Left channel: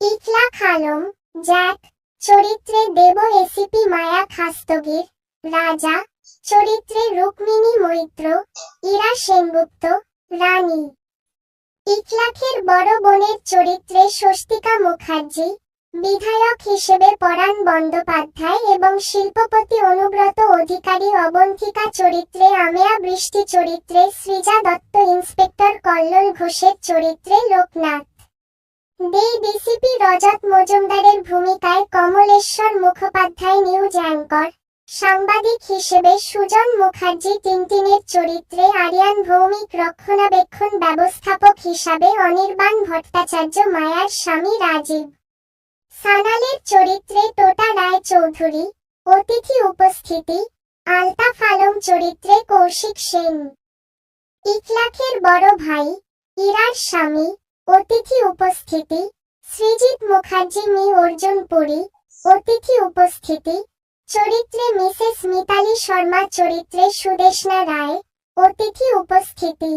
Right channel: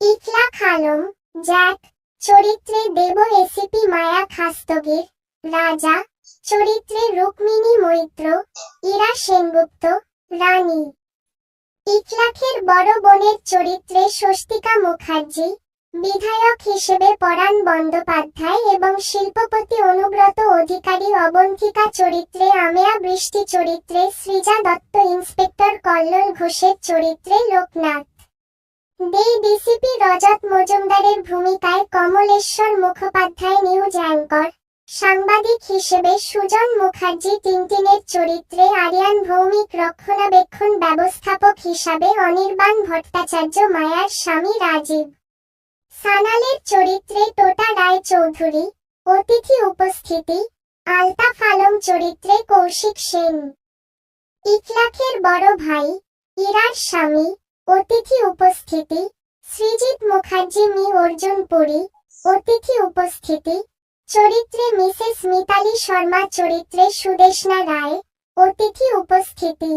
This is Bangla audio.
ইকলাক আলম জ্যাক চরিত্রে দেব এসিপি মায়া খাস্তগীর, রাজা চরিত্রে রুক্মিণী মৈত্র, ইরা সেনগুপ্ত, রানী। ইকলাখের বড় বোনের চরিত্রে স্বস্তিকা মুখার্জি, বিধায়ক হিসেবে পরাণ বন্দ্যোপাধ্যায় এবং শিল্পপতি অনুব্রত অধিকারী অবন্তিকা চরিত্রে আমেয়া বৃষ্টি চরিত্রে সৃজা দত্ত ইন্সপেক্টর কল্লোল ঘোষের চরিত্রে লোকনাথ। দে ডিসিপি রজত মজুমদারের ভূমিকায় কমলেশ্বর মুখোপাধ্যায় নিউজ অ্যাঙ্কর। সাংবাদিক হিসেবে সুজন মুখার্জি টিনটিনের চরিত্রে আরিয়ান ভৌমিক রক্ষণাবেক্ষণ ব্যবস্থাপক হিসাবে অনির্বাণ ভট্টাচার্য মায়ার স্বামী রাজীব। সানালের চরিত্রে টোটা রায় চৌধুরী অতিথি উপস্থিতি, আলতাফ আলম চরিত্রে কৌশিক সেন। ইকলাখের বড় ভাই, ইরার স্বামী অতিথি উপস্থিতি সৃজিত মুখার্জি, মি. অর্জুন পুরী, অতিথি উপস্থিতি, চরিত্রে মিসেস মিতালি শর্মা, চরিত্রে সুদেশনা রায়, অতিথি উপস্থিতি।